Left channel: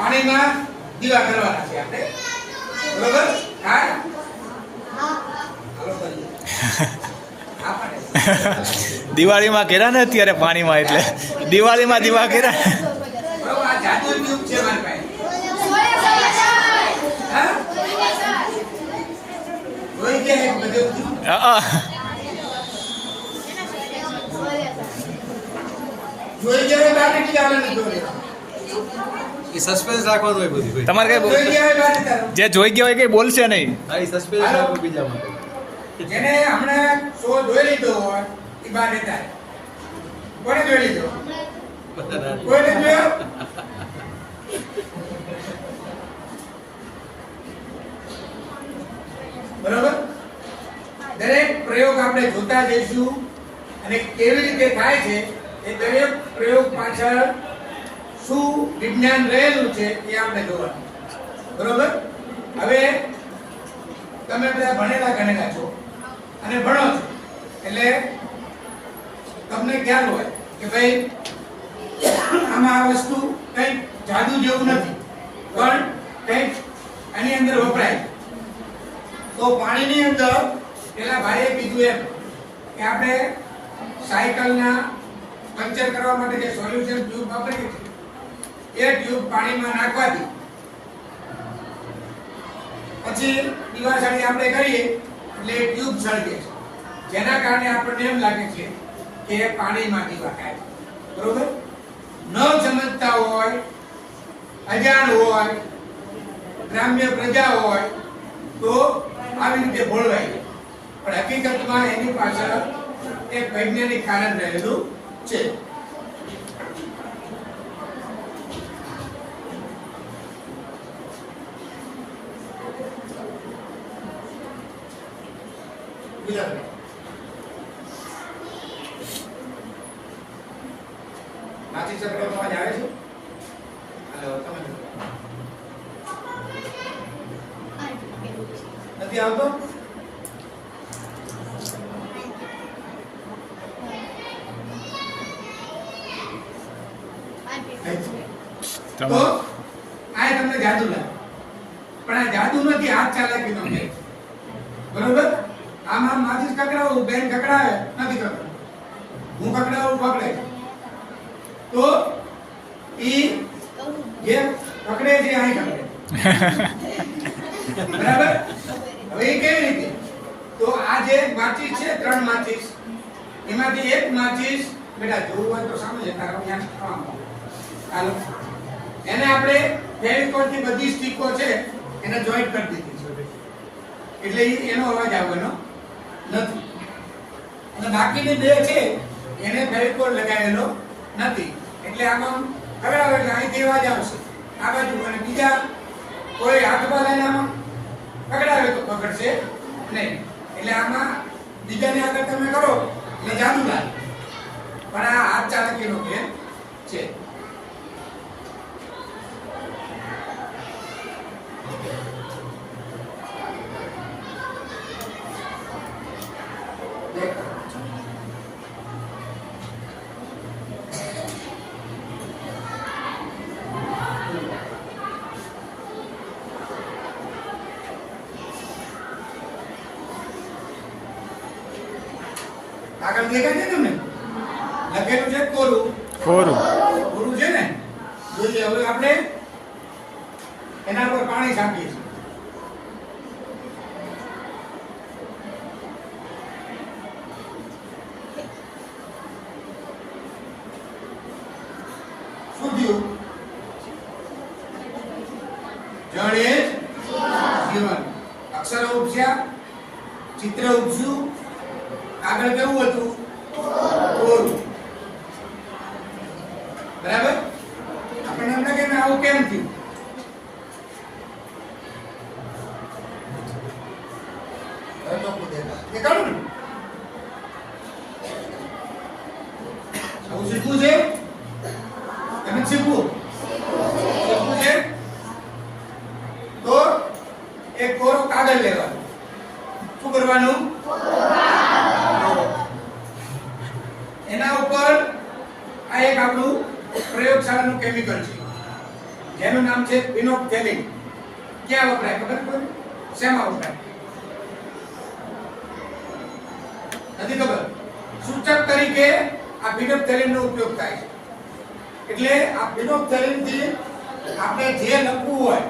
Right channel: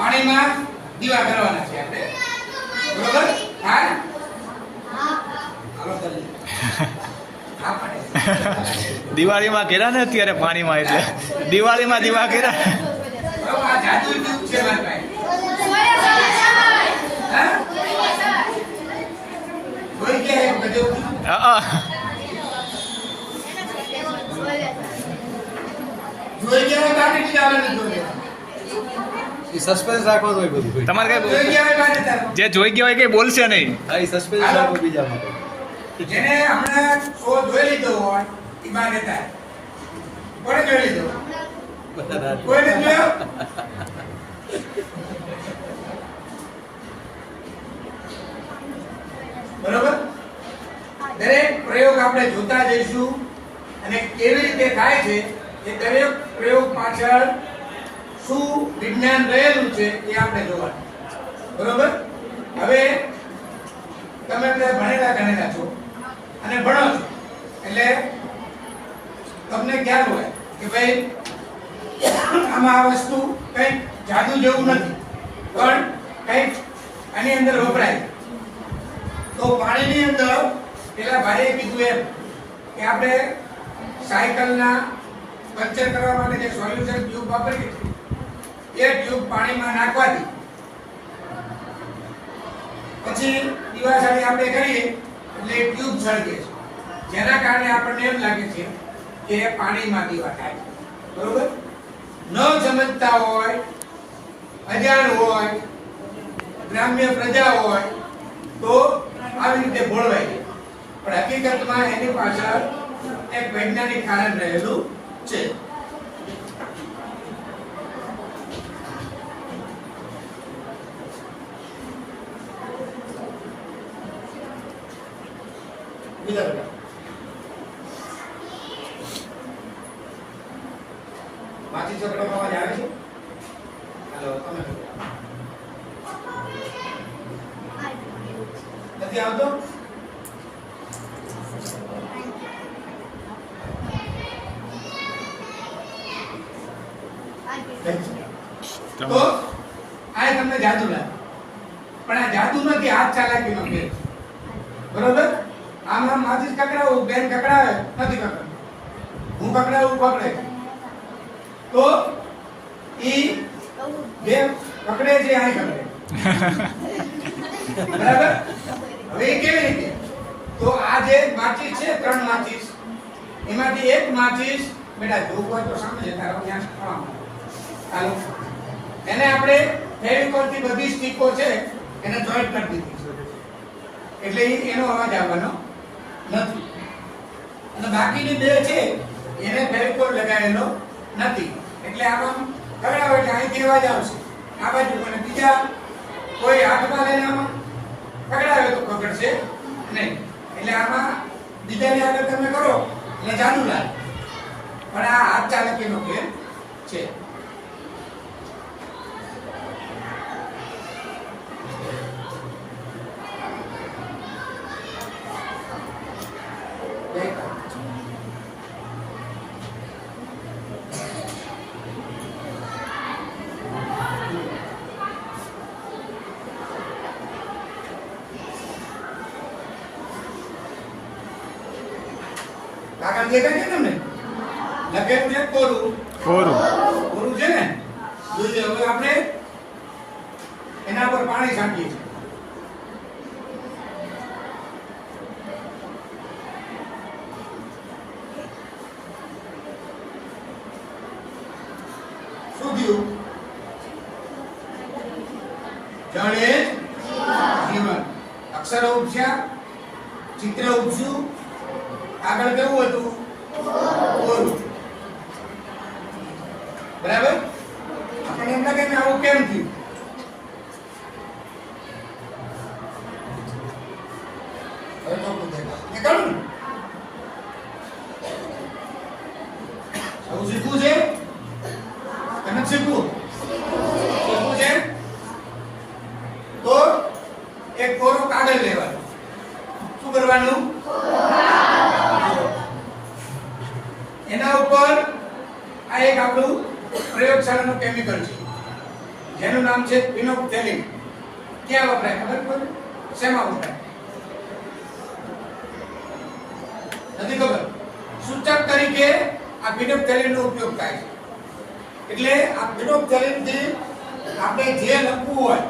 પાણીમાં દીવા કરવાના છે આપણે, બરોબર? હા, દિવાળીમાં કર્યા ને અત્યારે પાણીમાં, એટલે દિવાળીમાં દીવા કર્યા. આ જાદુ ટ્યુબ છે મારા ભાઈ. જોઈ ગયા એક બધું. જોઈ ગયા બાકી જ આવે ને જોઈ. એ સસ્પેન્સ રાખવાનું હોય બધું. તમારે કઈ જે જોઈ ગયો હોય કઈ બોલશે નહીં. એ સસ્પેન્સ રાખો બીજા માટે. જેને હમણાં શો જોઈ લીધો હોય એ બહાર રહેતા. કોને જોઈ લીધો? કોઈને જોયો? બરોબર? દરેક પ્રયોગ આપણે જોતા જઈશું અને કેવી રીતે થાય છે એ દરેક પ્રયોગ પાછળ શું વિજ્ઞાન રહેલું છે એ આપણે જોવાનું. બરોબર? હવે તમે બધા ભણેલા ગણેલા છો અને ભણો છો એટલે તમને ખ્યાલ હોય કે ભાઈ આમાં આ વસ્તુ કંઈક જાદુ જેવું નથી, પણ કંઈક એની અંદર વપરાય. તો પાણીની અંદર પેલા ભાઈએ કીધું એમ કે આપણે સાયકલના પંચર કરવા માટે જે સોલ્યુશન ટ્યુબ વાપરીએ છીએ એ ટ્યુબ પાણીમાં નાખવાથી પછી દીવાસળી આપણે કરીએ એટલે ટ્યુબ સળગે છે, જેના કારણે આપણને એમ લાગે છે કે પાણીમાં દીવા થાય છે. બરોબર? ન સમજતા હોય, અજાણ હોય, ગ્રામ્ય પ્રજા હોય તો આવી રીતે ભોળવાય, પણ હકીકતમાં એની પાછળ એક વૈજ્ઞાનિક કારણ રહેલું છે. માછી ચક્રનો અવાજ આવે છે? હાલો, તમે નથી આવતો? તો આ તમને જાદુ લાગે, પણ આ જાદુ નથી, હાથ ચાલાકીનો ખેલ. બરોબર? આમ માથી કકડાવું, બેન કકડાવે નથી કકડાવું, હું કકડાવું પકડે તો ઈ જે પકડે છે આ પકડે. બરાબર? હવે એ કેવી રીતે? તો આ જે માચીસ છે, 3 માચીસ, એમાંથી એક માચીસ બેટા જોવું હોય તો સામે જતા રહો, ત્યાં ખાવામાં ચાલો એને આપણે ફેવિકોલથી બધી સ્ટીકો છે એને જોઈન્ટ કરી દીધી એટલે એનો અવાજ આવવાનો નથી. અને બાકીની 2 છે એને ફેવિકોલ લગાવેલો નથી, એટલે આમાં કકડાવે એટલે અહીંથી અવાજ આવશે આ બાજુ, અને બીજા કોઈ હાથમાં લઈને આમાં કકડાવે તો પકડશે નહીં. એટલે આમાં બીજાને આગળ તમે કરો એટલે જાદુ લાગે, પણ આ હાથ ચાલાકીનો ખેલ છે. કાગળ દેખાય છે તમને? લખેલું છે કોરું. કોરું કોરું છે ને? જોઈએ હવે આપણે પાણી છાંટીએ છીએ. શું થયું? જળ એ જ જીવન. અક્ષરો ઉપજ્યા, ચિત્ર ઉપજ્યું, આગળ કેવું હતું? કોરું. બરાબર? આપણે એમ લાગે કે આવું કેમ થયું? હવે ચોખ્ખું દેખાય. દેખાડું ને? આવું શીખવું છે કે નથી શીખવું? શીખવું છે તો એક કોરો કાગળ લેવાનો. શું કરવાનું? એના ઉપર આ એક આપણું પ્રયોગશાળાનું કેમિકલ છે જેનું નામ છે ફિનોપ્થેલિન. ક્યાં વપરાય ખબર પડે? શેમાં વપરાય? નથી ખબર. સૂચક તરીકે આ ફિનોપ્થેલિન નો ઉપયોગ થાય છે. એટલે આ ફિનોપ્થેલિન થી આપણે જે લખવું હોય,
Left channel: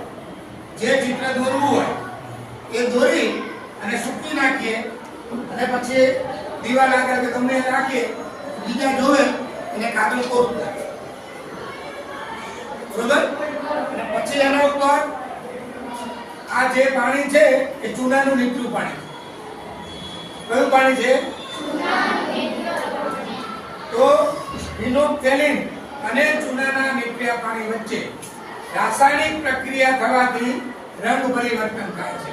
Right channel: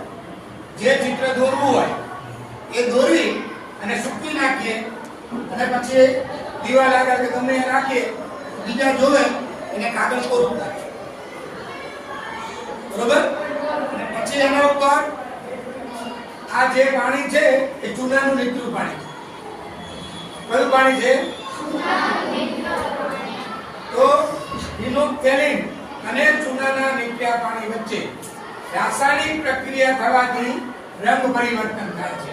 જે ચિત્ર દોરવું હોય એ દોરી અને સૂકવી નાખીએ અને પછી દીવાલ આગળ કે ગમે ત્યાં રાખીએ, બીજા જોવે એને કાગળ કોરું થાય. બરોબર? અને પછી એના ઉપર આ જે પાણી છે એ ચૂનાનું નીકળ્યું પાણી છે. કયું પાણી છે? તો ફિનોપ્થેલિન અને ચૂનાના નીકળ્યા પાણી વચ્ચે રાસાયણિક પ્રક્રિયા થવાથી રંગ પરિવર્તન થાય છે.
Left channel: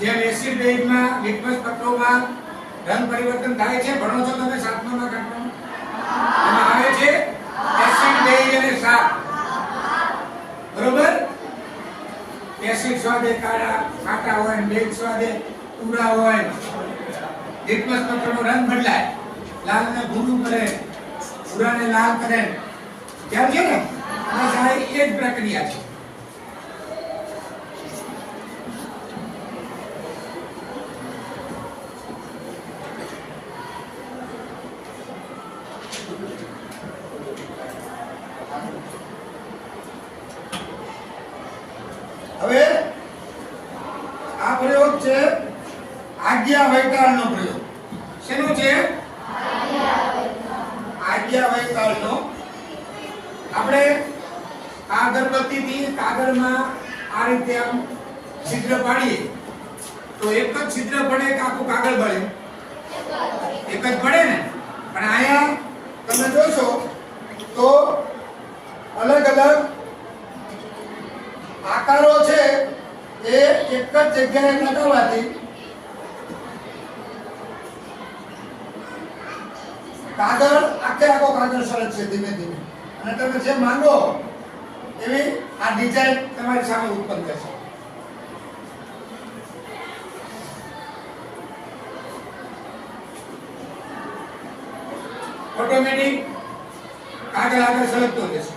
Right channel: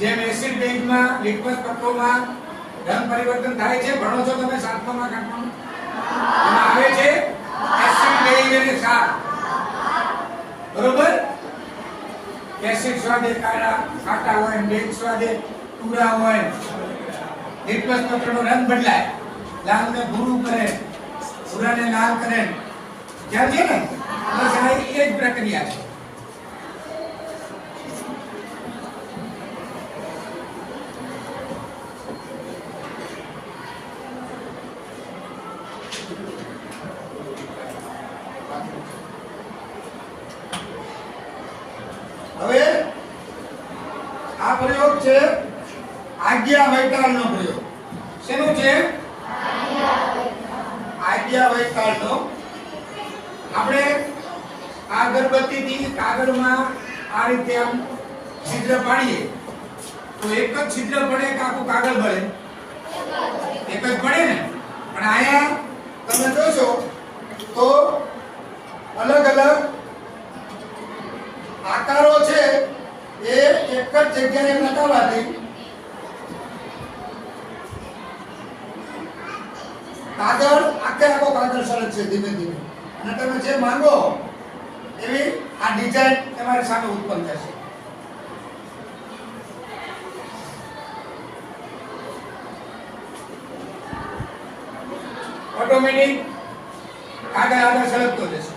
જેમ એસિડ બેઝમાં, લિટમસ પત્રોમાં રંગ પરિવર્તન થાય છે. ભણો છો તમે 7મા કક્ષામાં? એમાં આવે છે એસિડ બેઝ અને ક્ષાર. બરોબર? એસિડ સ્વાદે ખાટા હોય, બેઝ સ્વાદે ટુરા હોય. લિટમસ પત્રનો રંગ બદલાય, લાલને ભૂરું કરે, ભૂરાને લાલ કરે. ધ્યાન છે ને? બસ આ એ જ પ્રક્રિયા છે. હવે આ પ્રયોગ છે આજ્ઞા વૈતાળનો પ્રયોગ. શેનો છે? આજ્ઞા વૈતાળનો. આપણે આ અગરબત્તીથી કાગળમાં આ રીતે આમ છિદ્ર પાડીએ તો એક જ છિદ્ર પડે કે આખું કાગળ બળે? એક જ પડે ને. પણ આયા તમે જોશો તો અલગ અલગ આકારો છે એ એક જ જગ્યાએ લગાવવાથી કાગળ આખો કાગળ સરસ છે ધીમે ધીમે. અને તમે જે માંગો એવી આ ડિઝાઇન તમારી સામે ઉત્પન્ન થશે. ઓટોમેટિક કાગળ આગળ સરકતો જશે.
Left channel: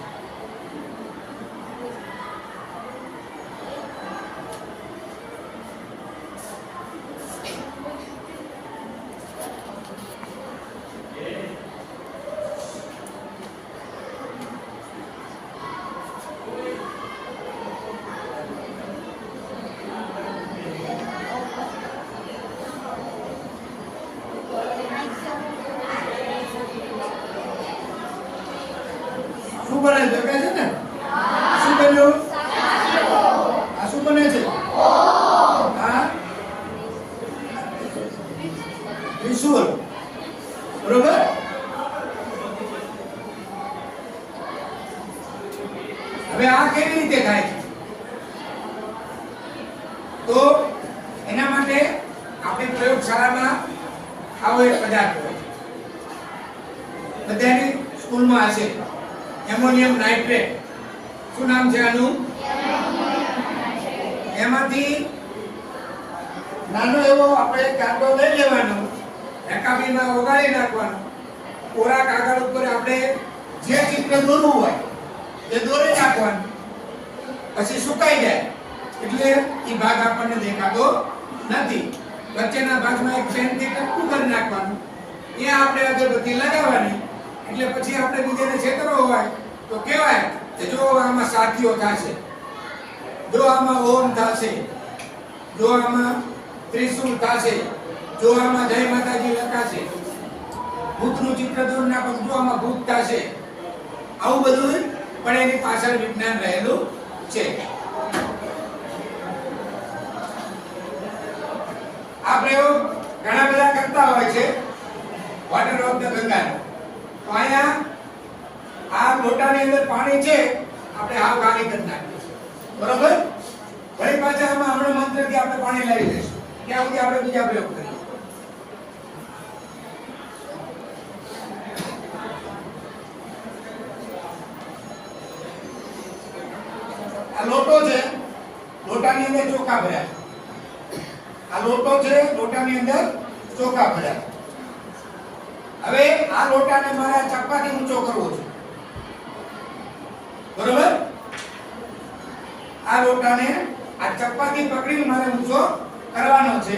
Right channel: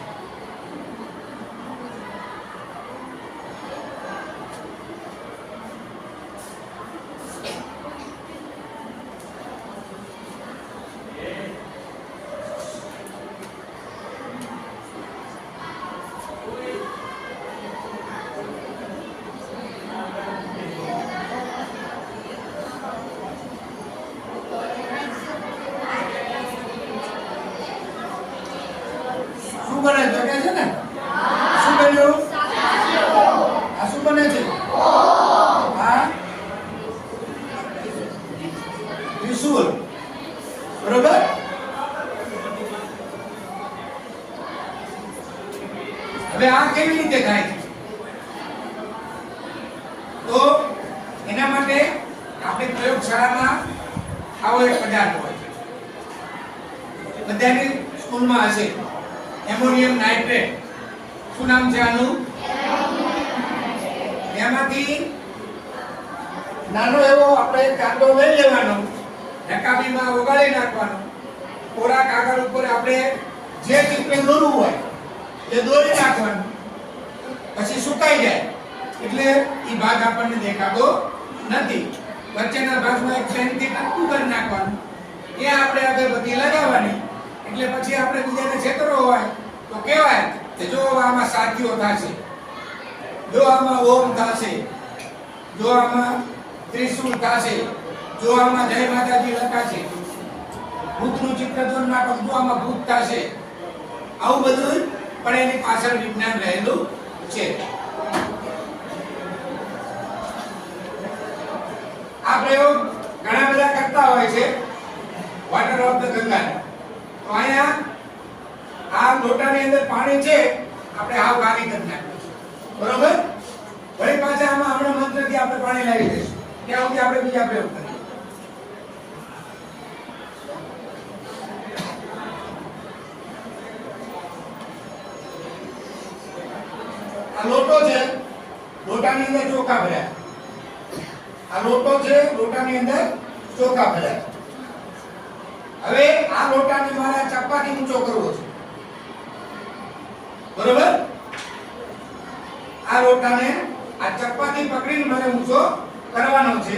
શું બને છે કે છે ને? શું બન્યું? આ શું બને છે? હા, ત્રિશુલ. બરોબર? હવે આ કેવી રીતે થાય છે? તો એના માટે આપણી પ્રયોગશાળામાં આવો એક પદાર્થ હોય છે. બધાની સ્કૂલમાં હશે. Ammonium nitrate. શું નામ છે આનું? એમાંથી નાનો એવો આપણે કાંટો લઈ લેવાનો, રકાબીમાં ઓગાળી નાખવાનો. કોરા કાગળ ઉપર આપણે જે ચિત્ર દોરવું હોય એ દોરી નાખવાનું. પછી સુકાઈ જાય એટલે એ ભાગ આપણને દેખાતો નથી. વચ્ચેના ભાગમાં એક પેનથી કટકું કરી નાખવાનું. એ આપણે અગરબત્તી લગાવવાની. એટલે પછી આપણે બીજાને છેતરો હોય તો કહેવાય કે જો આમાં સાથીઓ થશે, જો આમાં ઓમ થશે, જો આમાં ત્રિશુલ થશે, જો આમાં જય માતાજી લખાશે, ભૂતનું ચિત્ર જો નાખો, જો આમાં ભૂત થશે, આવું બધું પણ એની પાછળ વિજ્ઞાન રહેલું છે. આ પ્રયોગ ઘણા બધા કરતા હોય છે વોટર ઓફ ધ ગંગા. તો અહીંયા આ લોટાની અંદર પાણી છે, આપણે હાવ ખાલી કરી નાખ્યું, બરોબર. વળી પાછા આમાં હમણાં મંત્રથી આપણે પાણી લાવી દઈશું, ત્યાં સુધી આપણે બીજા પ્રયોગ કરીએ. આ લોટો છે, લોટાની અંદર ચોખા ભર્યા. આ લોટો છે, લોટાની અંદર ચોખા ભર્યા. હવે આ લોટાને મારે ચપ્પાથી ઊંચો કરવો છે, બરોબર. આ લોટાને આ ચપ્પાથી પકડીને મારે ઊંચો કરવાનો છે.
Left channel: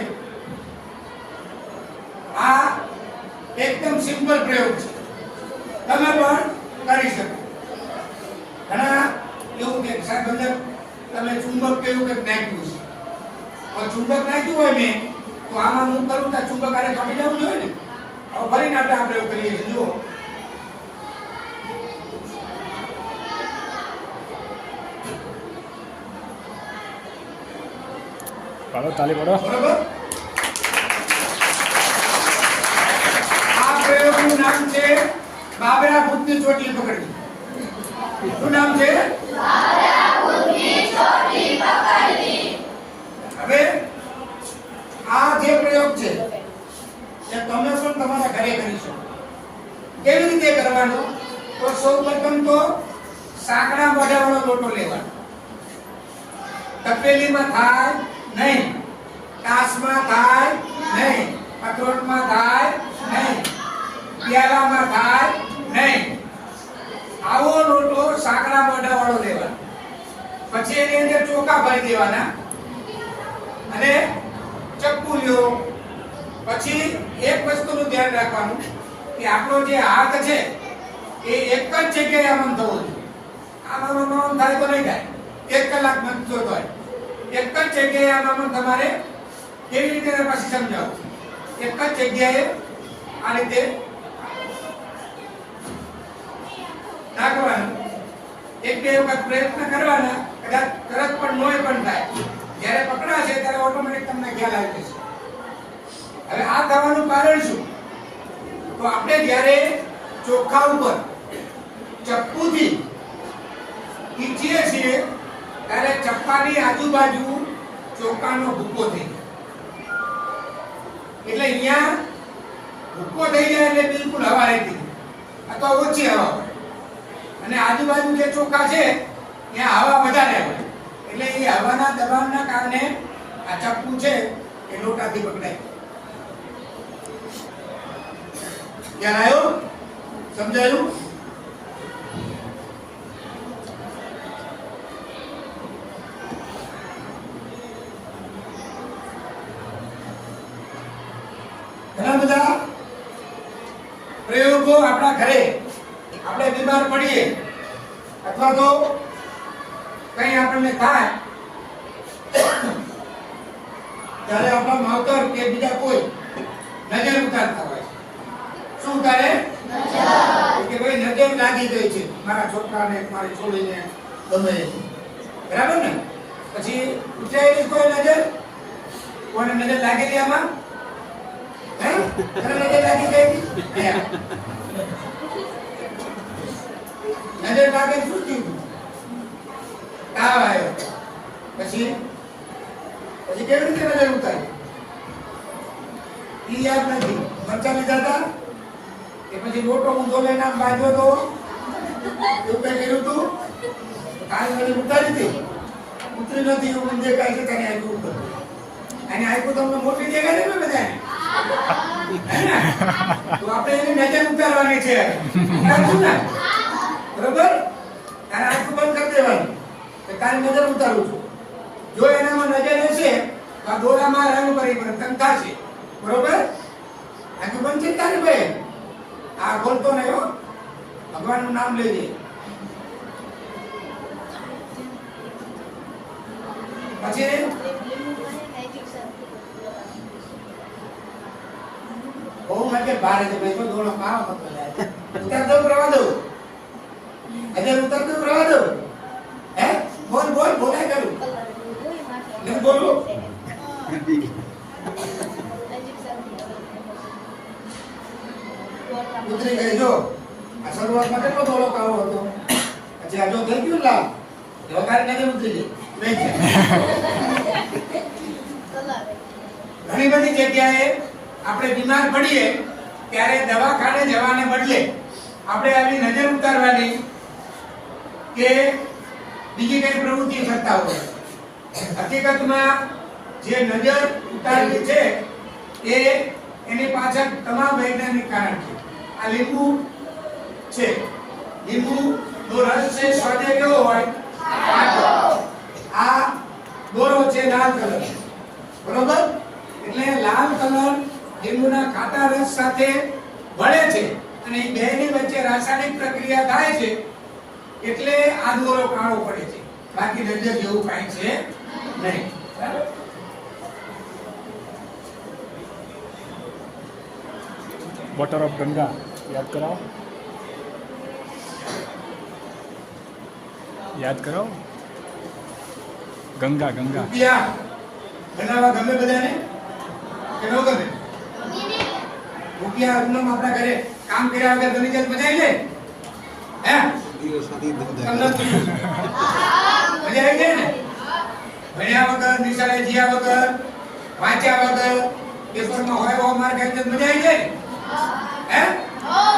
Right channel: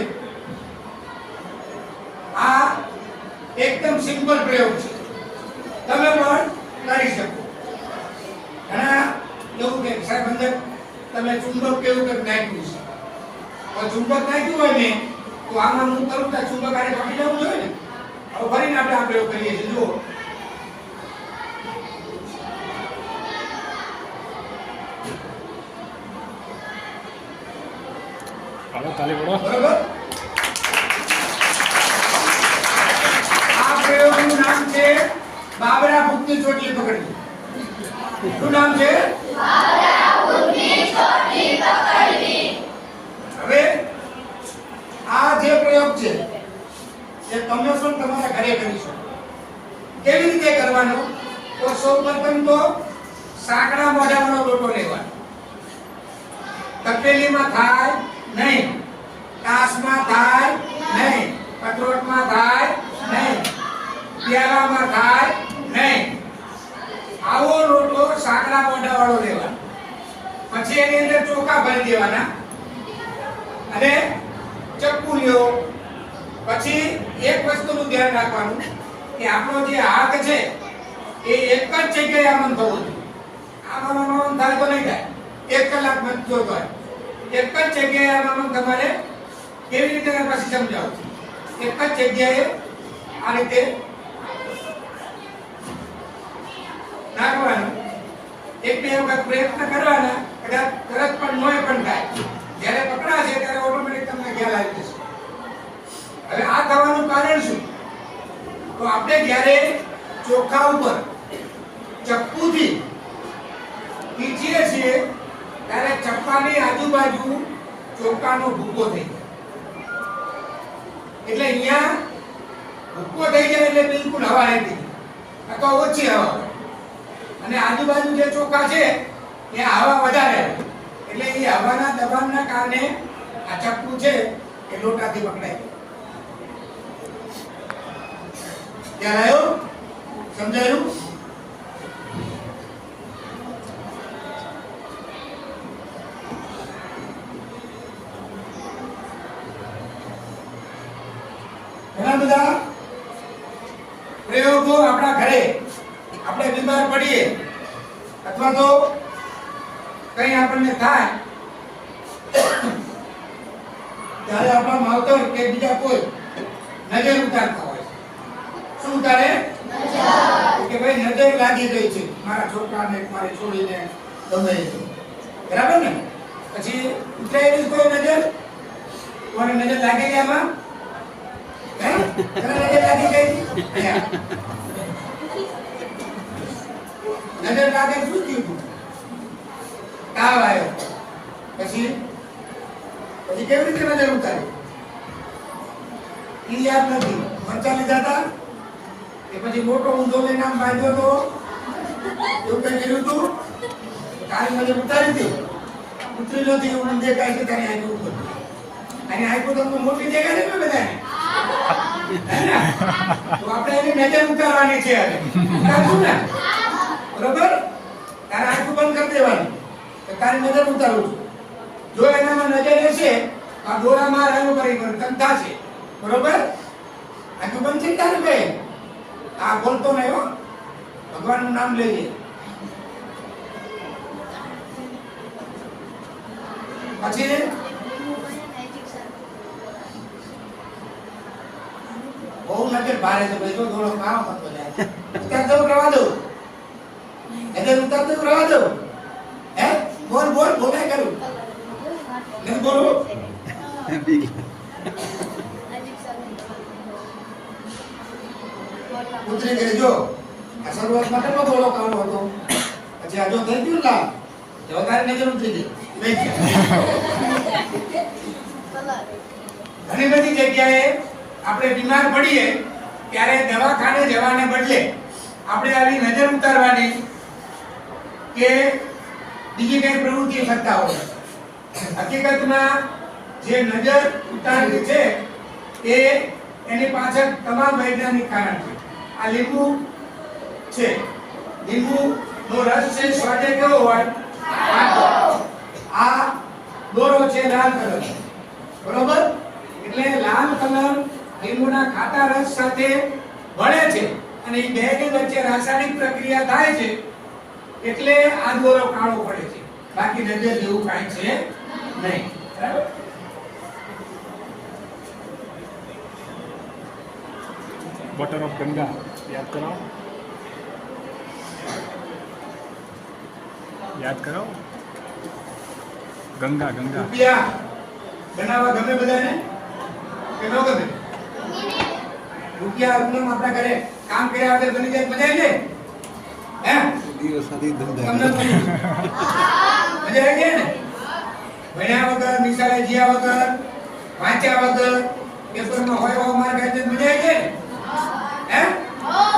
આ એકદમ સિમ્પલ પ્રયોગ છે, તમે પણ કરી શકો. ઘણા એવું કે સાહેબ અંદર તમે ચુંબક કેવું કંઈક નાખ્યું છે, પણ ચુંબક નાખ્યું હોય ને તો આમાં હું કરું તો ચુંબક આને કાપી જવું જોઈએ ને. હવે ફરીને આપણે આ પ્રયોગ કરીએ છીએ. જુઓ, તાલી પડો. બરોબર. આ પ્રયોગનું નામ છે બાબરા ભૂતની ચોટલી પકડવી. શું નામ છે? બાબરા ભૂતની ચોટલી પકડવી. હવે આ જે પ્રયોગ છે એ તમે પણ તમારા ઘરે કરી શકો. કેવી રીતે કરવાનો? તો સૌપ્રથમ તો સાંકડા મોઢાવાળો લોટો લેવાનો. તપેલીમાં થાય નહીં, તાસમાં થાય નહીં, કથરોટમાં થાય નહીં, પ્યાલામાં થાય નહીં. આવો લોટો સાંકડા મોઢાવાળો લેવાનો. પછી એની અંદર ચોખા ભરી દેવાના અને ચપ્પુ લ્યો. પછી એક વસ્તુનું ધ્યાન રાખવાનું કે આપણો જે હાથ છે એ એક જ જગ્યાએ આમ થવો જોઈએ. આમ થાય તો નહીં થાય. 1 કલાક બનતો હોય એક જ જગ્યાએ આમ તમારે કેવી રીતે પછી સમજાવું. એક જ જગ્યાએ આ રીતે નાખવાનું. 1-2 વખત પ્રયત્ન કરવાના, કદાચ તરત પણ નોય પણ થાય. જ્યારે પકડાશે ત્યારે ઓટોમેટિક તમને ખ્યાલ આવી જશે. હવે આ થવાનું કારણ શું? તો આપણે જ્યારે ચોખા ઉપર ચપ્પુથી ખીચીએ છીએ ત્યારે ચપ્પાની આજુબાજુ ચોખાનો ભૂકો થઈ જાય. એટલે અહીંયા ભૂકો થઈ જાય એટલે બિલકુલ હવા રહેતી અથવા ઓછી હવા હોય. અને આજુબાજુ જે ચોખા છે ત્યાં હવા વધારે હોય. એટલે એ હવાના દબાણના કારણે આ ચપ્પુ છે એ લોટાથી પકડાય. ખ્યાલ આવ્યો? સમજાયું? ઘણા બધા પ્રયોગો આપણા ઘરે આપણે બીમાર પડીએ અથવા તો કઈ આપણને થાય ત્યારે આપણા માવતર કે બીજા કોઈ નજર ઉતારતા હોય. શું ઉતારે? કે ભાઈ નજર લાગી ગઈ છે મારા છોકરાને, મારી છોડીને, ગમે બરાબર ને. પછી ઉતારેલી કોઈ નજર, કોને નજર લાગી ગઈ આમાં? નજર લાગી ગઈ. નજર લાગે શું થયું? તાવ આવ્યો. પછી કેવી રીતે નજર ઉતારી? ઈ યાદ નથી. મરચા લીધા હતા કે પછી મોટો ઊંધો લઈને આમ બાંધ્યો તો એવું કઈ કર્યું હતું? તારી નજર ઉતારી હતી? ઉતરી નથી એવું મને દેખાય છે. તારી આંખો ઉપર અને આંખો તમને મોટી દેખાય છે ને બધાને. તો આપણે એની નજર ઉતારવાની છે. હવે બરોબર? તારે આંખો બંધ કરી દેવાની. તારી નજર ઉતારું છું. જો એનામાં નજર હશે તો આ દોરામાં રંગ પરિવર્તન થશે. બરોબર? આંખો બંધ થઈ તારે ભાઈ આ બોલતો નહીં હો. ભગવાનનું નામ લેજે. પછી બહુ માટે ભારે છે ભાઈ, જો થોડો કામ હતો યાર. ઉતાર દઉં રવા દઉં, એટલે ઉતાર દઉં રવા દઉં. હે બોલ બોલ બોલાય કરું નથી બોલવું. ઉતરી ગઈ જો. આ શરૂઆતમાં કેટલો થોડો કામ હતો, પછી આ જો થઈ ગયું લા તો તારી નજર ઉતરી ગઈ. નહીં ગયા. ઘણી બધી જગ્યાએ આપણે બીમાર પડીએ ત્યારે દવાખાને જવાને બદલે આપણે આવી નજર ઉતારવાની કે બીજી કઈ પ્રવૃત્તિ કરતા હોય. હકીકતમાં જે નજર ઉતારવી છે એ એની પાછળ તમામ વૈજ્ઞાનિક કારણ છે. આ લીંબુ છે, લીંબુનો રસ છે, સ્વાદે કેવો હોય? આ દોરો છે લાલ કલર, બરોબર? એટલે લાલ કલર લીંબુના ખાટા રસ સાથે ભળે છે અને એ બેની વચ્ચે રાસાયણિક પ્રક્રિયા થાય છે એટલે આ દોરો કાળો પડે છે. બાકી નજર જેવું કાંઈ છે નહીં. બરાબર? વોટર ઓફ ગંગા યાદ કરાવો, યાદ કરાવો. ગંગા ગંગા રૂપિયા બનાવવા ગમે બધાને કે ન ગમે? રૂપિયા આપણા ઘરે કામ કર્યા વગર બની જાય મજા આવી જાય? હે દિવસ સુધી ધંધા તમને મજા આવી જાય ને? ભણ્યા વગર, નિશાળે જ્યાં વગર, વાંચ્યા વગર, પેપરમાં હોય એવો માર્ક આવી જાય મજા આવી જાય? હે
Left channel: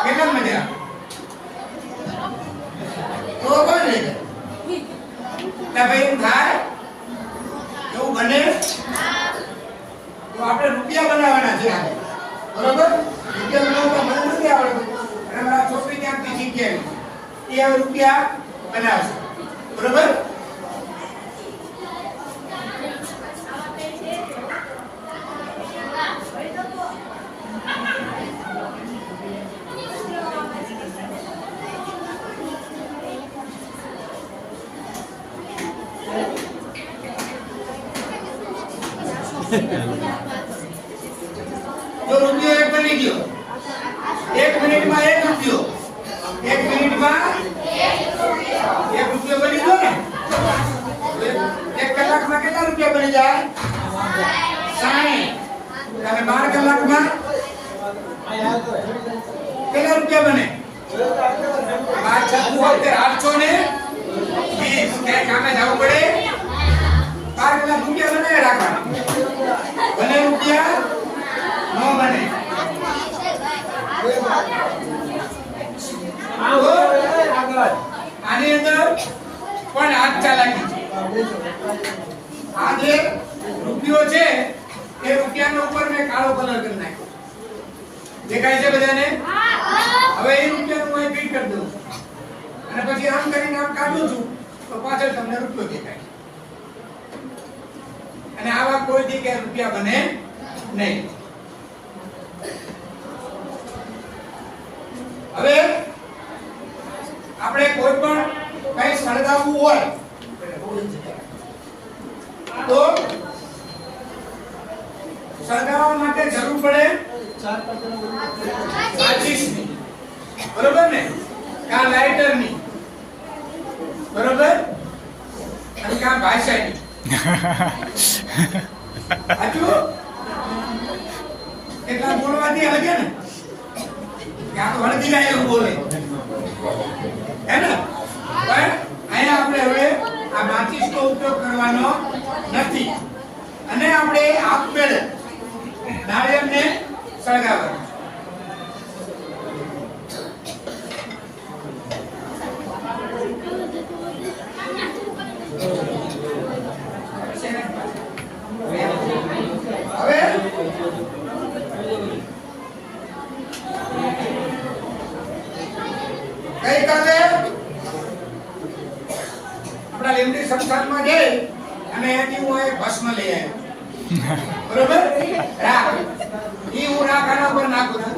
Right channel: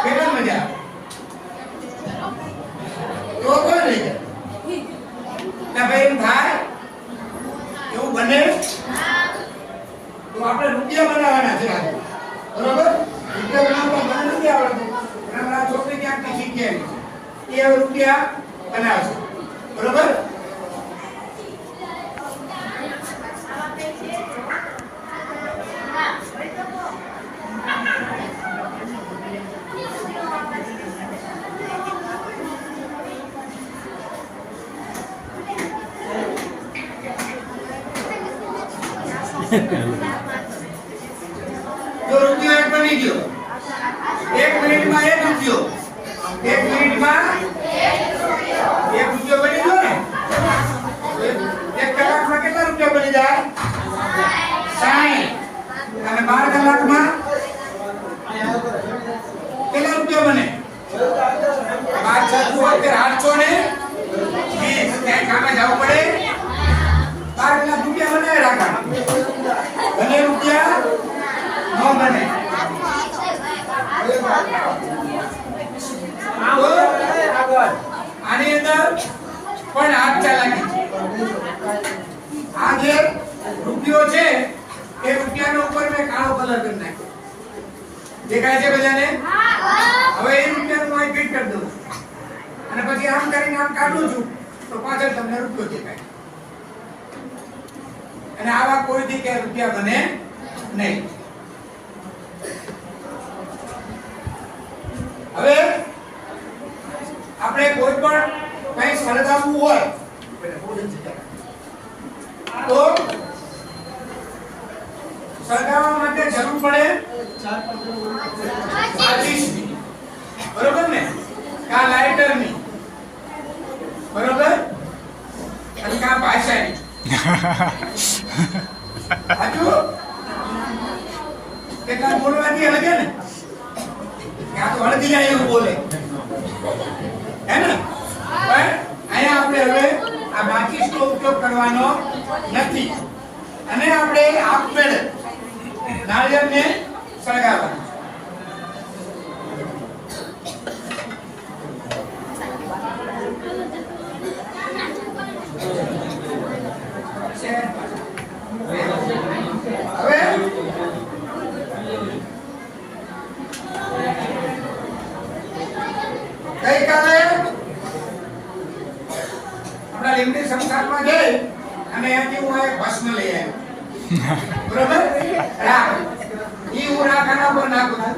કેટલા મજા? તો કોઈ નહીં ના ભાઈ એમ થાય એવું બને તો આપણે રૂપિયા બનાવવાના છે આજે, બરોબર? રૂપિયા બનાવતા મને નથી આવડતું અને મારા છોકરી ક્યાંકથી શીખી આવી છે, એ હવે રૂપિયા બનાવશે, બરોબર? જો રૂપિયો એક બની ગયો, 1 મિનિટમાં 1 રૂપિયો, 1 મિનિટમાં 1 રૂપિયો બની ગયો ને? 1 કલાકમાં કેટલા રૂપિયા બની જાય? 60. અને 12 કલાકમાં કેટલા રૂપિયા બને? 5 6 820. ક્યાંય કામે જવું પડે? 12 કલાક રૂપિયા બનાવી રાખવાના. બને રૂપિયા ન બને. આની અંદર પણ હાથ ચાલાકી છે. આ જે રૂપિયો છે એ રૂપિયાનો ઉપર મેં કાળો કલર કરી નાખ્યો. દેખાય છે બધાને? હવે એ રૂપિયાનું હું ફિટ કરી દઉં અને પછી આમ કરીને આમ કાઢું છું તો પાછળ તમને રૂપિયો દેખાય. અને આવા કોઈ જગ્યાએ રૂપિયા બને નહીં. હવે આપણે કોઈ પણ કઈ સળગાવવું હોય તો સળગાવવા માટે જરૂર પડે માચીસની, બરોબર ને? કા લાઇટરની, બરોબર? અને કા ભાષાની. સાચું? કેટલા બોલવાથી હળગે ને? ક્યાં તો હળગી જાય એવું બોલે, હે ને? પણ અહીંયા આપણે હવે આ માચીસનો ઉપયોગ કરવાનો નથી અને આપણે આપમેળે નાળિયેરને સળગાવવાનું. હવે ગઈકાલે આપણા લીમડી સંસ્થાનમાં જઈ અને અહીંયાથી હું એક ભસ્મ લઈ આવ્યો, બરોબર? રાખ ઈ હું રાખ આના પર નાખું છું.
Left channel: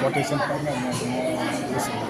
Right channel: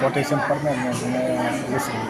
પોટેશિયમ પરમેનન્ટ અને ગ્લિસરીન.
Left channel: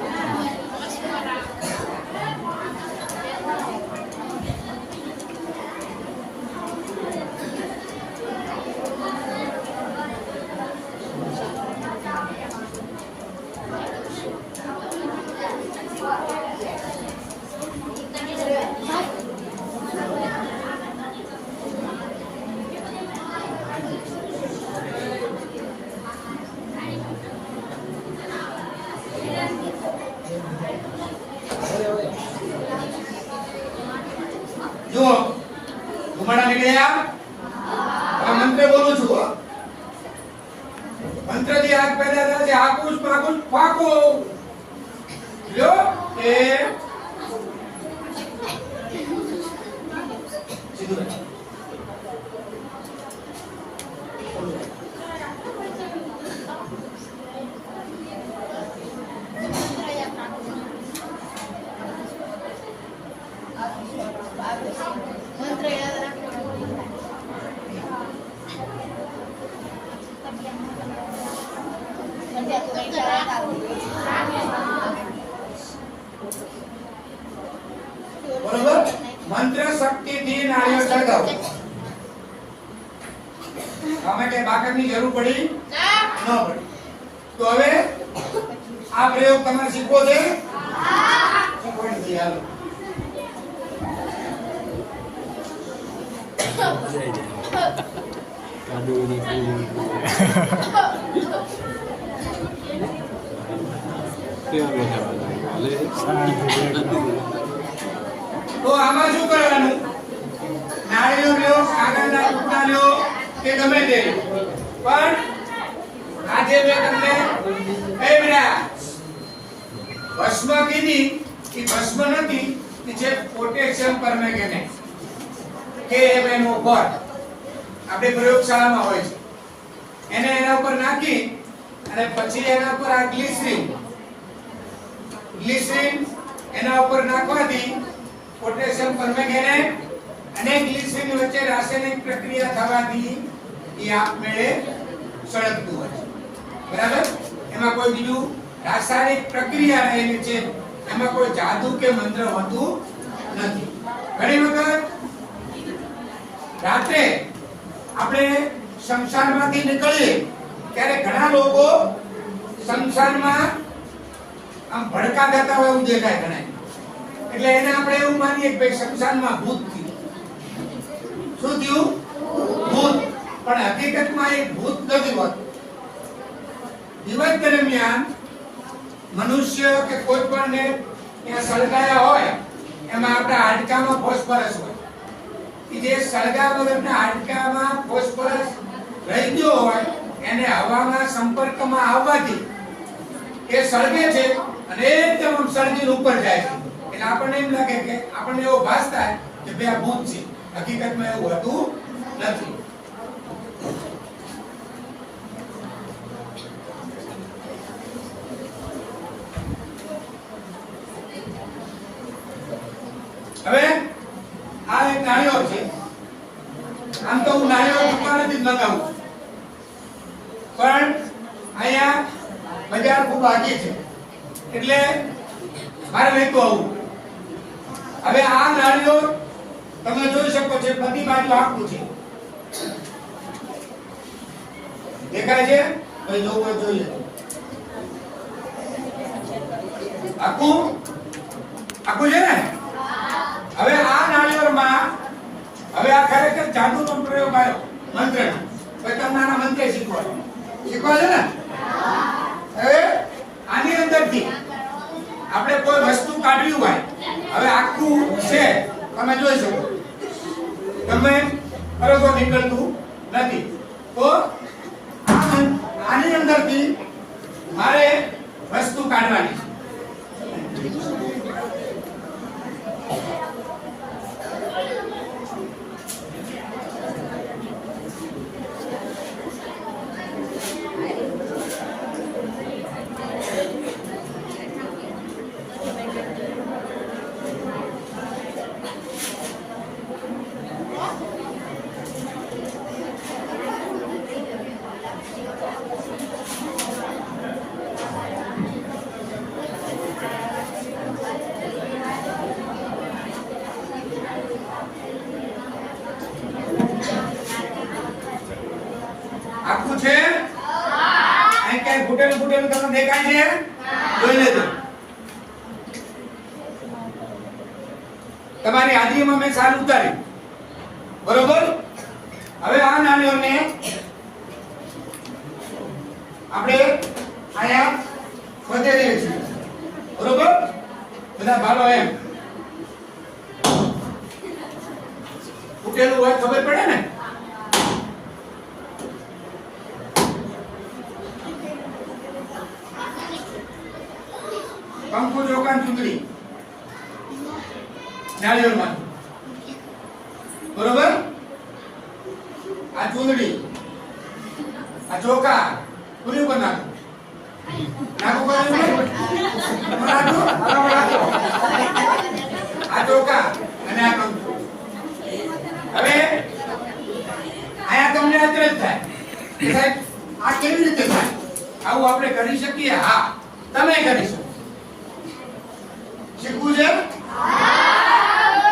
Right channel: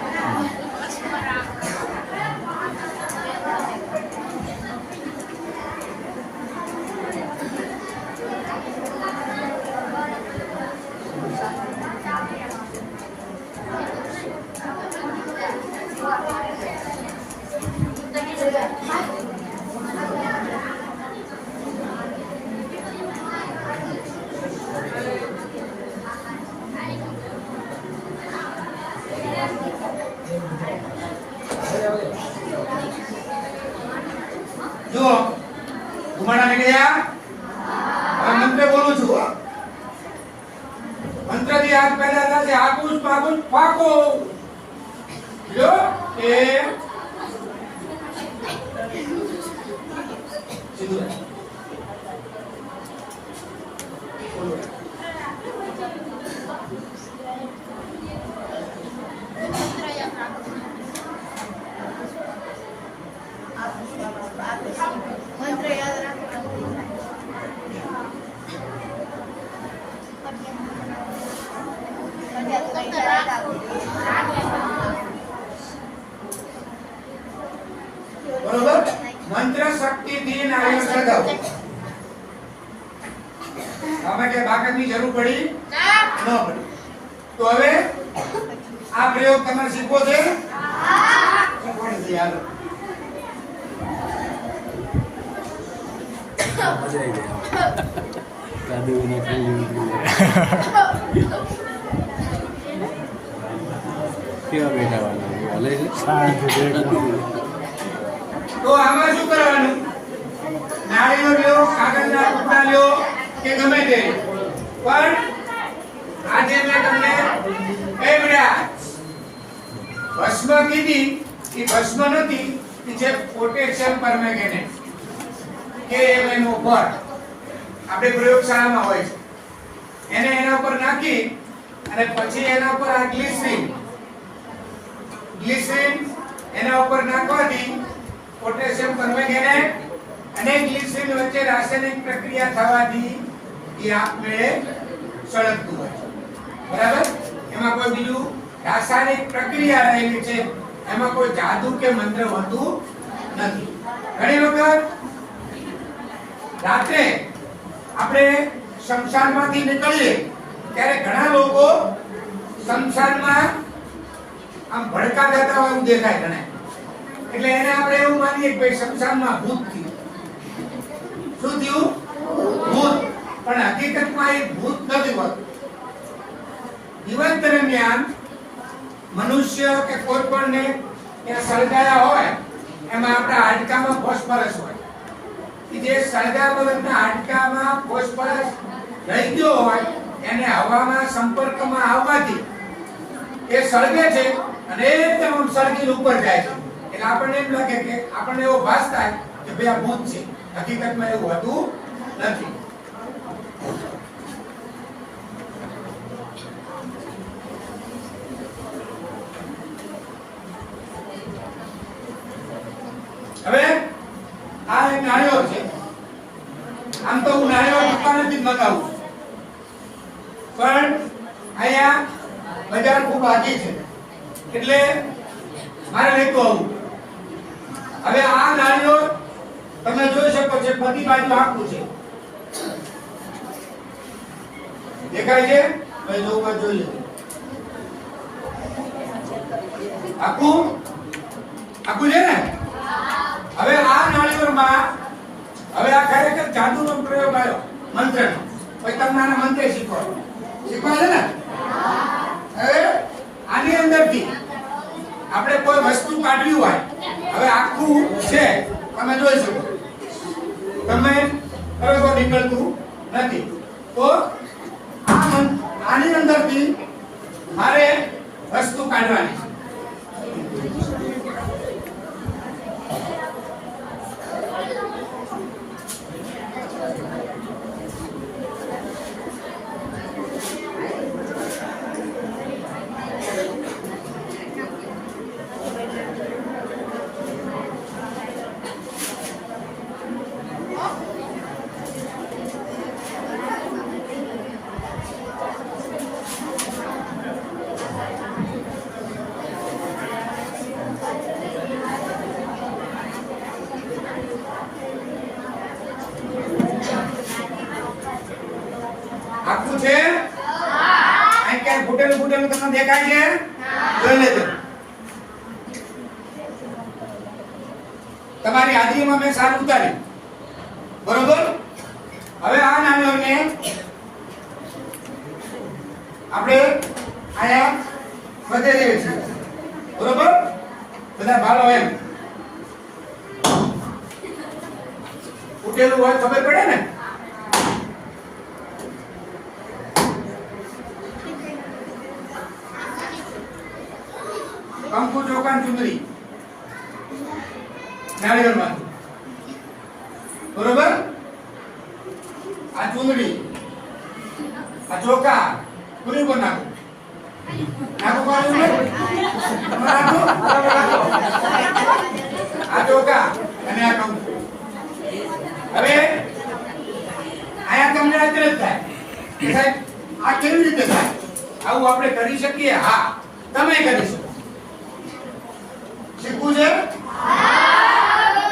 જો ધુમાડા નીકળ્યા. હવે મંત્ર બોલું છું હો. મંત્ર થી આગ પેદા થશે. આકુશ પાકુશ પાકો. જો એ સીધું રાખ. મંત્ર યાદ રાખો. બરોબર. મંત્ર શક્તિ થી નારિયેળ સળગાવો. આમાં કે બાકસની જરૂર પડી ન પડી. તો હવે આ પ્રયોગ તમારે શીખવો છે. શીખવાનો છે. હાલો મજા આવી જાય. કાદુની ફૂલી કેવા બેઠા હાલે છે. તો આમાં શું કરવાનું? નારિયેળ લ્યો, કાગળના ટુકડા લ્યો કે ગમે તે, પણ આજે મેં તમને કહી રહ્યા ભસ્મ કીધી એ ભસ્મ નથી, એ છે પોટેશિયમ પરમેંગેનેટ કે એનો ભર આપણે પ્રયોગશાળામાં હોય છે. એને એના ઉપર નાખી અને પછી એના ઉપર આ ગ્લિસરીન એના ઉપર નાખવાથી પોટેશિયમ પરમેંગેનેટ અને ગ્લિસરીન વચ્ચે રાસાયણિક પ્રક્રિયા થવાથી એ આપમેળે સળગતું હોય છે. બરાબર? એમાં કોઈ બીજું રાસાયણિક પ્રક્રિયા રહેલી છે, એમાં કોઈ જાદુ કે મંત્ર હોતું નથી. ઘણી વખત રાત્રે આપણે શમશાનમાંથી નીકળીએ ત્યારે ઘણા લોકો શમશાનમાં આમ ભડકા જતા હોય એવું દેખાય ઘણા. એટલે એને આપણે એવું માનીએ કે ભાઈ શમશાનમાં ભૂત થયું. શું થયું? ભૂત. પણ હકીકતમાં એ ભૂત નથી હોતું. દિવસ દરમિયાન મનુષ્ય કે કોઈ પણ ને ત્યાં સળગાયા હોય એમાં આપણા હાડકામાં ફોસ્ફરસ હોય. જે સળગા વગરના હાડકામાં ફોસ્ફરસ રહી ગયો હોય એને હવામાં સંપર્કમાં આવવાથી એ સળગે છે અને એકદમ સળગીને ઉપર જાય છે. એટલે આપણને એમ લાગે કે આપણને એવો ભાસ થાય કે ભાઈ આ ભૂત છે. હકીકતમાં એવું હોતું નથી. હવે આ એક નાળિયો છે. આમ તો હું નાળિયો દુકાનેથી જ લગાવું, પણ અહીંયા બજાર ખૂબ આગી છે એટલે મારે લેતો આવું. હવે આ નાળિયો તમે જોઈ શકો છો બધી બાજુ આખું છે. દેખાય છે? ભાઈ જોવું જોઈએ. આખું આખું છે ને? હવે આ નાળિયેરમાં હવે આ ખરેખર જાદુનો પ્રયોગ આવ્યો, મંત્રનો. પછી તમને આના મંત્ર શીખવા છે ને? હવે આની અંદરથી આપણે કોઈ વસ્તુ કાઢવી હોય, હવે આખું છે તમે જોઈ શકો, તમે ખરેખર નીકળતું નથી. તો આની અંદરથી મારે વસ્તુ કાઢવાની છે. તૂટેલું તમને દેખાય છે? જોઈ લેજો. તમારી હાજરીમાં મેં સારું ઉતાર્યું. બરોબર? હવે આ નાણિયોને આપણે આયા વધેરીએ છીએ. બરોબર? બધા ભાલો એમ ઉઠેલું હોય ખબર પડે ને? કંકુ ચોખા ચુંદડી નાળિયેરમાં. બરોબર? આ ચુંદડી, આ ચોખા પૂરી પર નાખો. નાખો પાણી ને? નાખો. આ ચોખા અને આ કંકુ. હવે આયા તમને અચરજ થાય કે સાહેબ આ કેવી રીતે થાય? આવું આપણે કરી શકીએ? હા, તમે કરી શકો. શીખવું છે?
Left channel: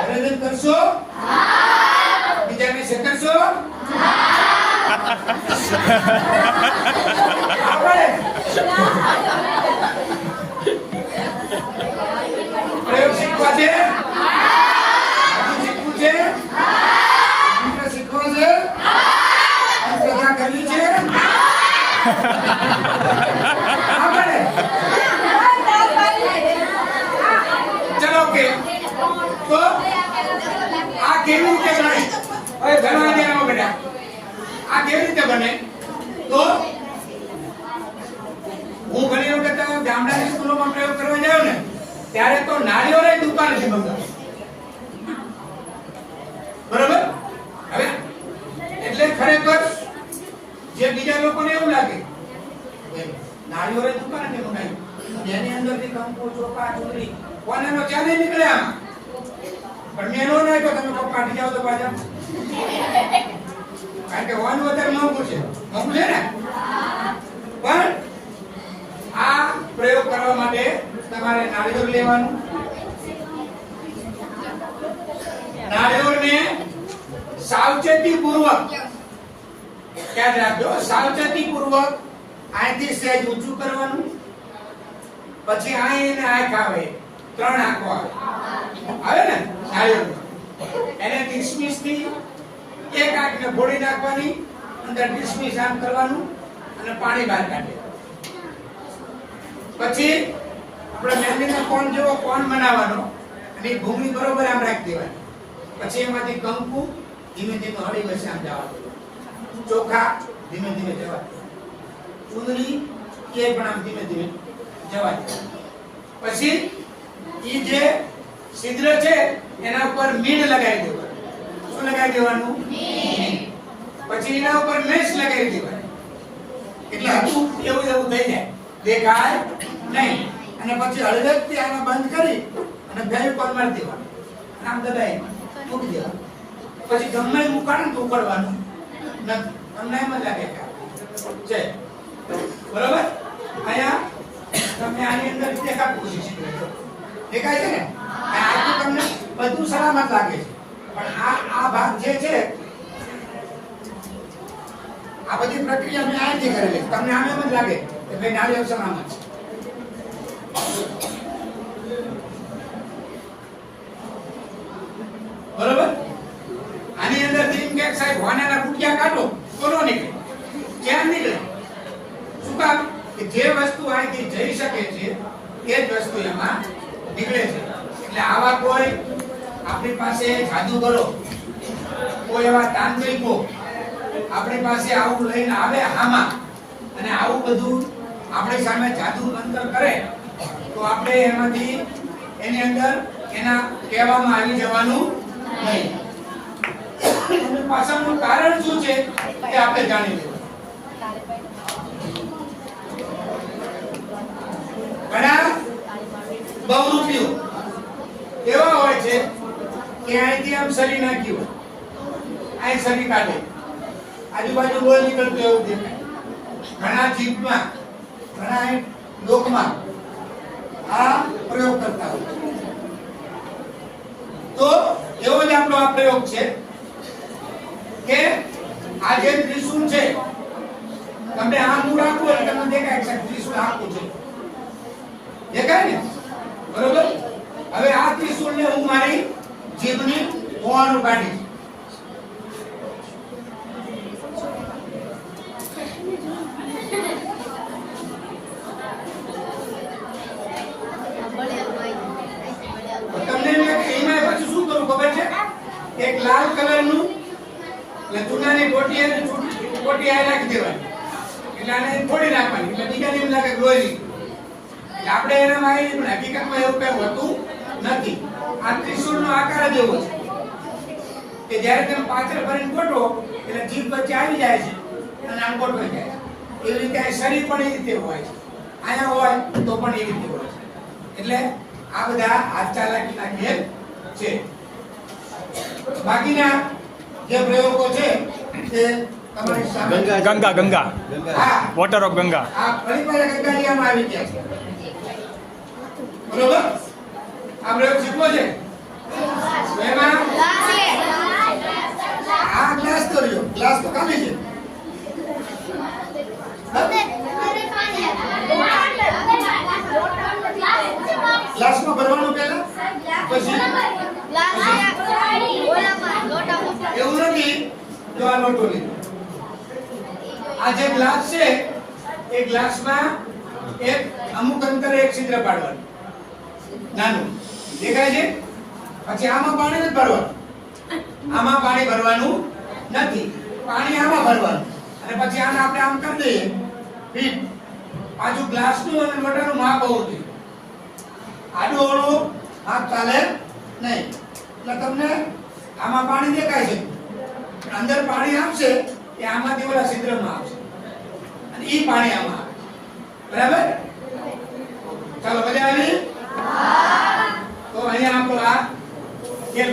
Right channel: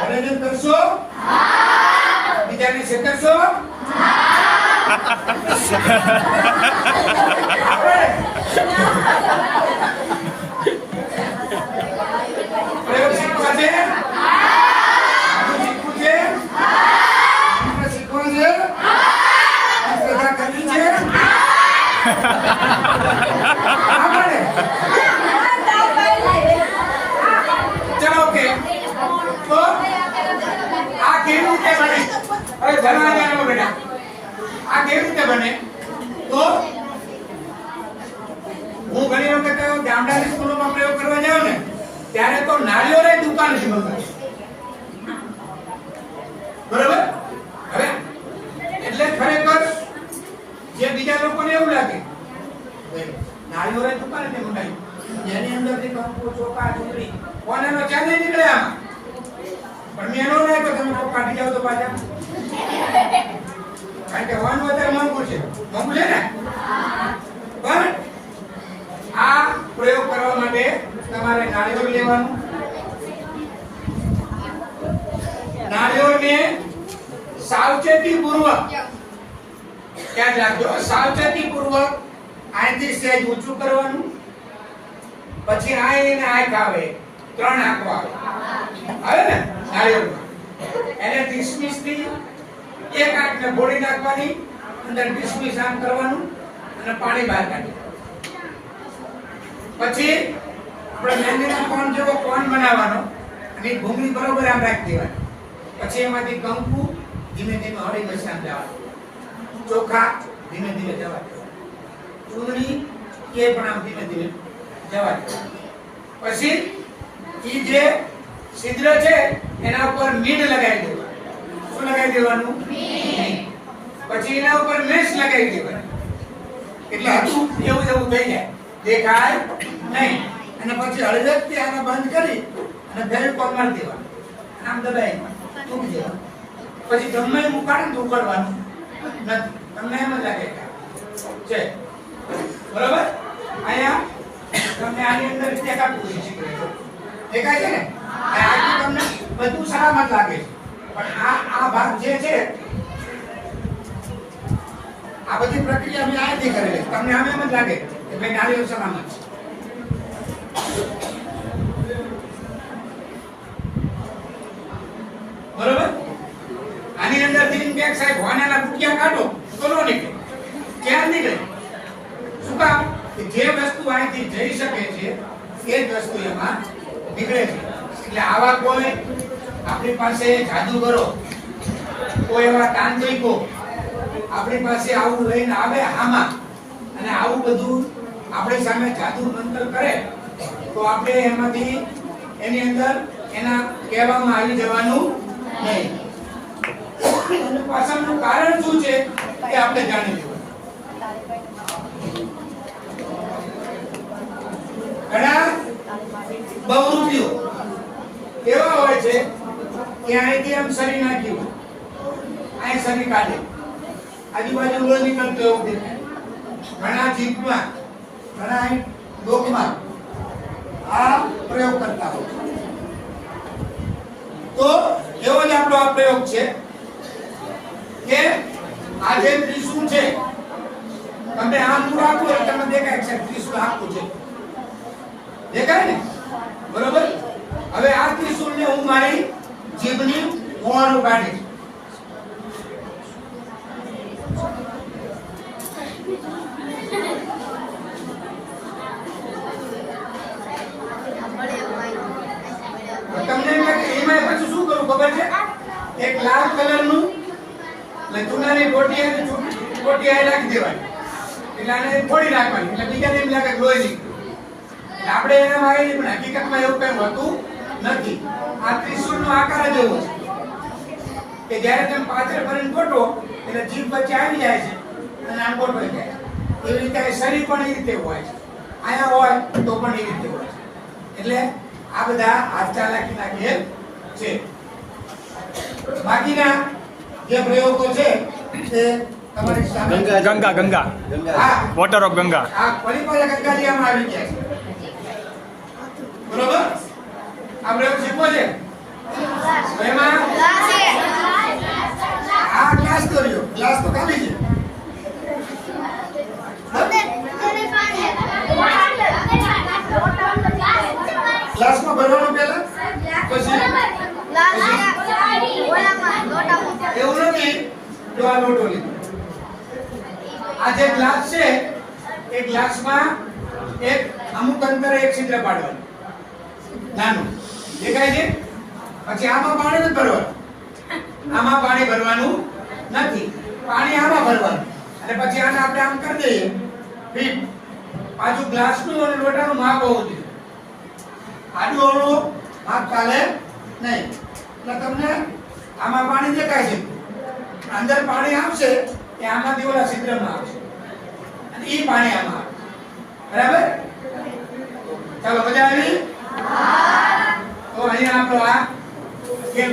આયોજન કરશો? બીજાને છેતરશો? પ્રયોગ શીખવા છે? શીખવું છે? શીખવું છે? કરવી છે? ચલો ઓકે. તો આ કેવી રીતે બને? હવે ઘણા જાણો બેટા. આ કેવી રીતે બને? તો હું ઘણી વખત ગામડાની સ્કૂલોમાં પ્રયોગ કરવા જાઉં ને ત્યારે તો નાળિયેર દુકાનથી મંગાવું. બરોબર? હવે એટલે ખરેખર જે બીજા લોકોને એવું લાગે નાળિયેર દુકાનથી મંગાવ્યું, એની અંદરથી કંકુ ચોખા ચૂંદડી કોનેનો ચાલે નીકળે આમાં. પણ મેં નો નાખ્યો, તમે તો કાઢી જાવ તો પાછા. કારણ કે વન વધારે મોંઘું છે. મોંઘું છે ને? પણ આ પ્રયોગ કરવા માટે તમારે નાળિયેર લેવાનું. નાળિયેરને સાવચેતીપૂર્વક યાદ રાખજો, સાવચેતીપૂર્વક અહીંથી સહેજ ઊંચું કરવાનું. પછી આઈને આંખ આવે, 3 આંખો આવે ને નાળિયેરમાં. એને ડિસ્મિસ થી એક આંખને ફોડી નાખવાની, અંદર ડિસ્મિસ આમ કરવાનું અને પાણી બહાર કાઢી. પછી આપણે મહેંદીનો કોન જેવો કોન બનાવવાનો અને ભૂંગળી બરોબર આમ રાખી દેવાની. પછી એમાંથી કંકુ ધીમે ધીમે હળી ઘસી આમ જવાનું, ચોખા ધીમે ધીમે જવા દેવાનું, ચૂંદડી એ પણ આમ ધીમે ધીમે જવા દેવાનું. પછી ઈ જે છિદ્ર છે એના ઉપર મીડ લગાવી દેવાનું. શું લગાવી દેવાનું? મીડ. પછી એના ઉપર મેશ લગાવી દેવાની. એટલે હતું એવું એવું થઈ જાય, દેખાય નહીં. અને પછી હળદરથી આને બંધ કરી અને ફેવિકોલ મારી દેવાનું અને આમ દબાઈ મૂકી દેવાનું. પછી ગમે મુકાડે તો ઉકળવાનું નથી. તમને એમ જ લાગે છે. બરોબર? અહીંયા તમને આની અંદર દેખાતું હોય છે. દેખાય છે ને? આટલું તમને બધું સલામત લાગે છે. પણ આ ભાગ જે છે, આ બધી પ્રક્રિયા મેં અહીંથી કરેલી. તમને આમ એમ જ લાગે કે ભાઈ નાળિયેર સલામત છે. બરોબર? આની અંદર થી કે સાહેબ વાનાના ગુટિયા કાઢો તો નો નીકળે. ક્યાં નીકળે? શું કામ? કે જે વસ્તુ અહીંથી જઈ શકે છે એ જ વસ્તુ એમાં નીકળે છે. એટલે આવા કોઈ આપણી પાસે જાદુગરો, કોઈ એવા તાંત્રિકો આપણી પાસે આવું લઈને આવે આમાં અને આવું બધું આપણી સામે જાદુ મંત્ર કરે તો આપણે એમાંથી એની અંદર એના કહેવામાં આવી જવાનું નહીં. એનું પાછળનું કારણ શું છે એ આપણે જાણી લેવું. ઘણા બહુરૂપીઓ એવા હોય છે કે અહીંથી આમ શરી નાખ્યું હોય, અહીં શરી કાઢે, આજુબાજુ લોહી નીકળતું એવું દેખાય. ઘણા જીભમાં, ઘણા અહીં ડોકમાં આ પ્રયોગ કરતા હોય. તો એવો જ આપણો આ પ્રયોગ છે કે આ જે ત્રિશુળ છે તમને આ મૂળ આપવું એટલે તમને દેખાય છે ત્રિશુલ આખું છે, દેખાય ને? બરોબર. હવે આ ત્રિશુલ ને હું મારી જીભની મોહર કાઢીશ. તમને એમાં પછી શું કરું ખબર છે? એક લાલ કલરનું એટલે ચૂનાની ગોટી અને ગોટી આ રાખી દેવાની, એટલે આને ફોડી નાખવાની, એટલે બીજાને એમ લાગે લોહી નીકળ્યું. એટલે આપણે એને માગીએ પણ હકીકતમાં એવું કંઈ હોતું નથી. આ ત્રિશુળનો આકાર જ એવો છે કે જ્યારે તમે પાછળ ફરીને ગોઠવો એટલે જીભ વચ્ચે આવી જાય છે અને આમ ગોઠવાઈ જાય. એવી રીતે આ શરીર પણ એ રીતે હોય છે, અહીંયા હોય તો પણ એ રીતે હોય છે. એટલે આ બધા હાથ ચાલાકીના ખેલ છે. બાકીના જે પ્રયોગો છે તે તમારી સામે ગંગા ગંગા હા, વોટર ઓફ ગંગા. આ ફરી પાછા ગંગાજી આમાં આવી ગયા છે. બરોબર. આ પ્રયોગ શીખવો છે. તો એમાં આ ગ્લાસ તો રહ્યો, ગ્લાસ તો ખાલી છે. ગ્લાસમાં ભરવાનું પહેલા પછી એવું નથી. જો આ લોટો લીધો, આ જે ગ્લાસ છે એ ગ્લાસમાં એક અમુક અંતરે એક છિદ્ર પાડવાનું નાનું, દેખાય છે? પછી આમાં પાણી નથી ભરવાનું, આમાં પાણી ભરવાનું નથી, પાણી આમાં ભરવાનું અને પછી આને આપણે આમ કરી દઈએ ફીટ. પાછું ગ્લાસનું અને લોટાનું માપ હોવું જોઈએ. આડું અવળું માપ ચાલે નહીં. એટલે તમને આમાં પાણી દેખાય છે, અંદર પાણી આવશે એ આમાંથી ઓલા છિદ્રમાં આવશે અને એ પાણી આમાં આવે. બરાબર? ચાલો મજા આવી? તો અહીંયા આપણો આ ખેલ